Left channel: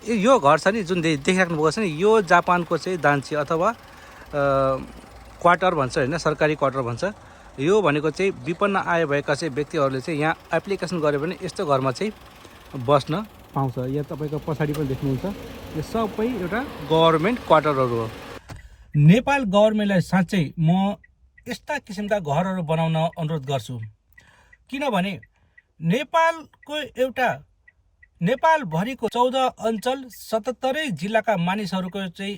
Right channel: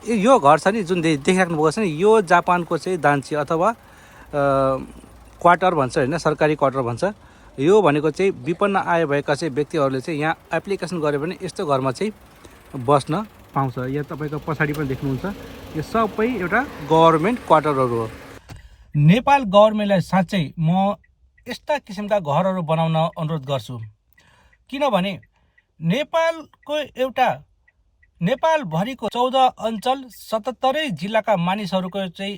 यो घर छ नि जुन देखिराख्नु भएको छ नि, यो जापानको चाहिँ दान्छी अथवा क्वार्टर भन्छ होइन, सरकारी क्वार्टर भन्छ। यो भनेको चाहिँ विपन्न आय भएका चाहिँ व्यक्तिहरूले चाहिँ यहाँ एप्लिकेसन गर्यो भने यस्तो घरमा चाहिँ बस्न पाउँछ। यहाँ तपाईँको पछाडि पनि देख्नुहुन्छ, यो सबै एउटा गभर्मेन्ट क्वार्टरहरू हो। नेपाल गभर्मेन्टलाई साँच्चै म यस्ता किसिमका घरहरू बनाउन अनुरोध गर्छु, किनभने नेपालभरिको 14 अञ्चल 77 जिल्लाका मानिसहरूको चाहिँ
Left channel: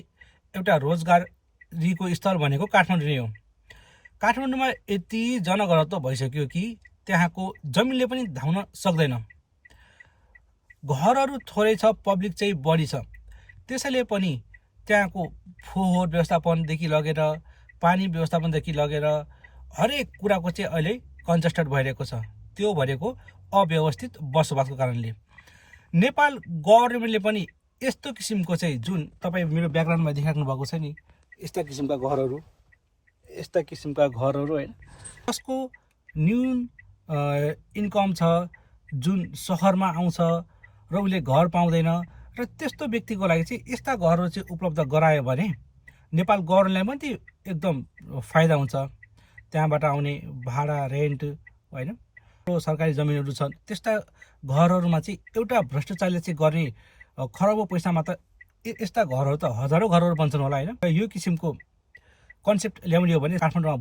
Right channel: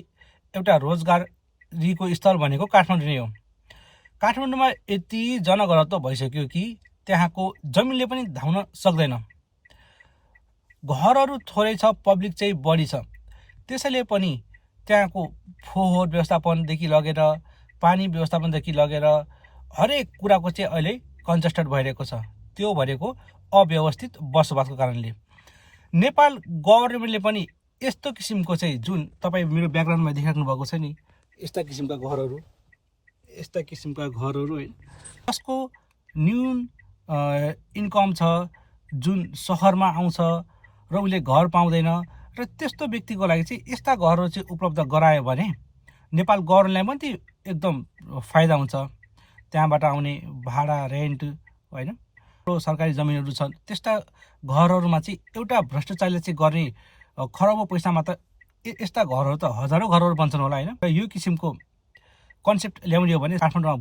एउटा रोजगारीको स्थल भनेको काठमाडौँ नै हो। काठमाडौँमा यति जनघनत्व भइसक्यो कि त्यहाँको जमिनले पनि धाउन सक्दैन। घरहरू थोरै छ, पब्लिक चाहिँ बढी छ, त्यसैले पनि त्यहाँको फोहोर व्यवस्थापनदेखि लगेर पानी व्यवस्थापनदेखि लगेर हरेक कुराको चाहिँ अहिले कन्जेस्टेड भइरहेको छ। त्यो भनेको अव्यवस्थित बसोबासको कारणले। नेपाल गभर्मेन्टले पनि यस्तो किसिमको चाहिँ जुन तपाईँ मेरो ब्याकग्राउन्डमा देखिराख्नु भएको छ नि, यस्ता किसिमका घरहरू होइन, जसको न्यून इन्कम छ, जुन सहरमा आउँछ र उसले घर पाउँदैन, र त्यस्तो व्यक्तिको लागि चाहिँ यस्ता घरहरू चाहिँ उपलब्ध गरायो भने नेपाल गभर्मेन्टलाई पनि एकदम फाइदा हुन्छ। त्यहाँबाट आउने भाडा, रेन्ट होइन, सरकारी जमिनहरू छन्, त्यस्ता घरहरूमा चाहिँ एउटा भ्रष्टाचारले चाहिँ गर्ने खरबौँ पैसामा त यस्ता घरहरू त हजारौँ घरहरू बन्छन् होला होइन। र यो किसिमको कन्सेप्ट ल्याउने हो भने काठमाडौँमा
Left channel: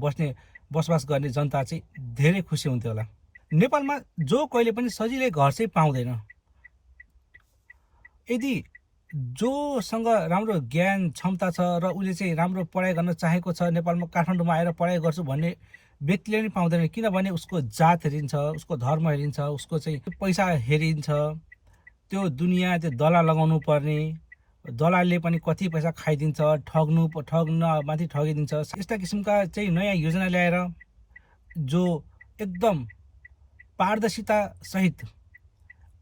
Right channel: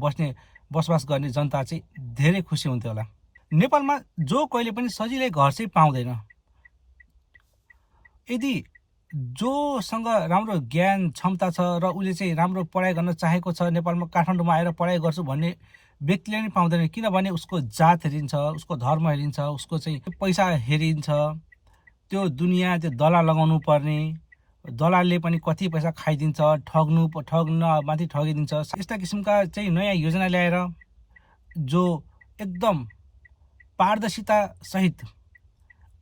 बसोबास गर्ने जनता चाहिँ धेरै खुसी हुन्थ्यो होला। नेपालमा जो कहिले पनि सजिलै घर चाहिँ पाउँदैन। यदि जोसँग राम्रो ज्ञान क्षमता छ र उसले चाहिँ राम्रो पढाइ गर्न चाहेको छ, नेपालमा काठमाडौँमा आएर पढाइ गर्छु भन्ने व्यक्तिले नै पाउँदैन, किनभने उसको जात हेरिन्छ, उसको धर्म हेरिन्छ, उसको चाहिँ पैसा हेरिन्छ, त्यो दुनियाँ त्यो दलाल लगाउनु पर्ने, दलालले पनि कति पैसा खाइदिन्छ, ठग्न माथि ठगिदिन्छ। यस्ता किसिमका चाहिँ नयाँ योजना ल्याएर जो एकदम पारदर्शिता सहित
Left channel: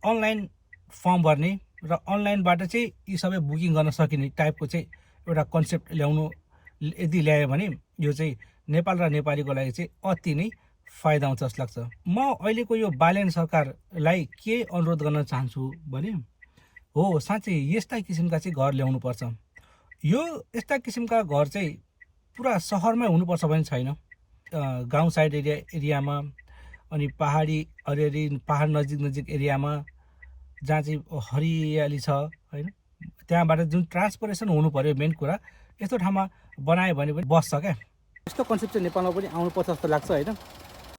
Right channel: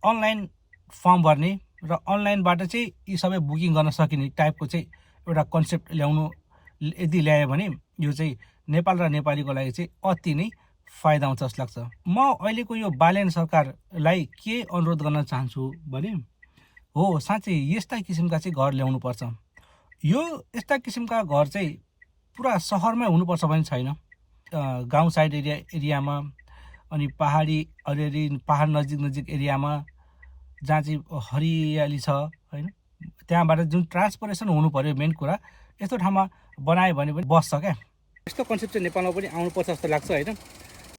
अनलाइन फर्म भर्ने र अनलाइनबाट चाहिँ यी सबै बुकिङ गर्न सकिने टाइपको चाहिँ एउटा कन्सेप्ट यदि ल्यायो भने यो चाहिँ नेपाल र नेपालीको लागि चाहिँ अति नै फाइदा हुन्छ जस्तो लाग्छ। म अहिलेको यो बालेन सरकारलाई के अनुरोध गर्न चाहन्छु भने हो, साँच्चै यस्ता किसिमका चाहिँ घर ल्याउनुपर्छ। यो यस्ता किसिमका घर चाहिँ पुरा सहरमै हुनुपर्छ भने छैन, गाउँ साइड एरियामा अनि पहाड नजिक एरियामा जहाँ चाहिँ हरियाली छ होइन, त्यहाँबाट जुन ट्रान्सपोर्टेसन हुनु पर्यो मेन कुरा, यस्तो ठाउँमा बनायो भने पनि बस्छ क्या। यस्तो कन्सेप्ट चाहिँ नेपालमा पनि आउनुपर्छ जस्तो लाग्छ होइन।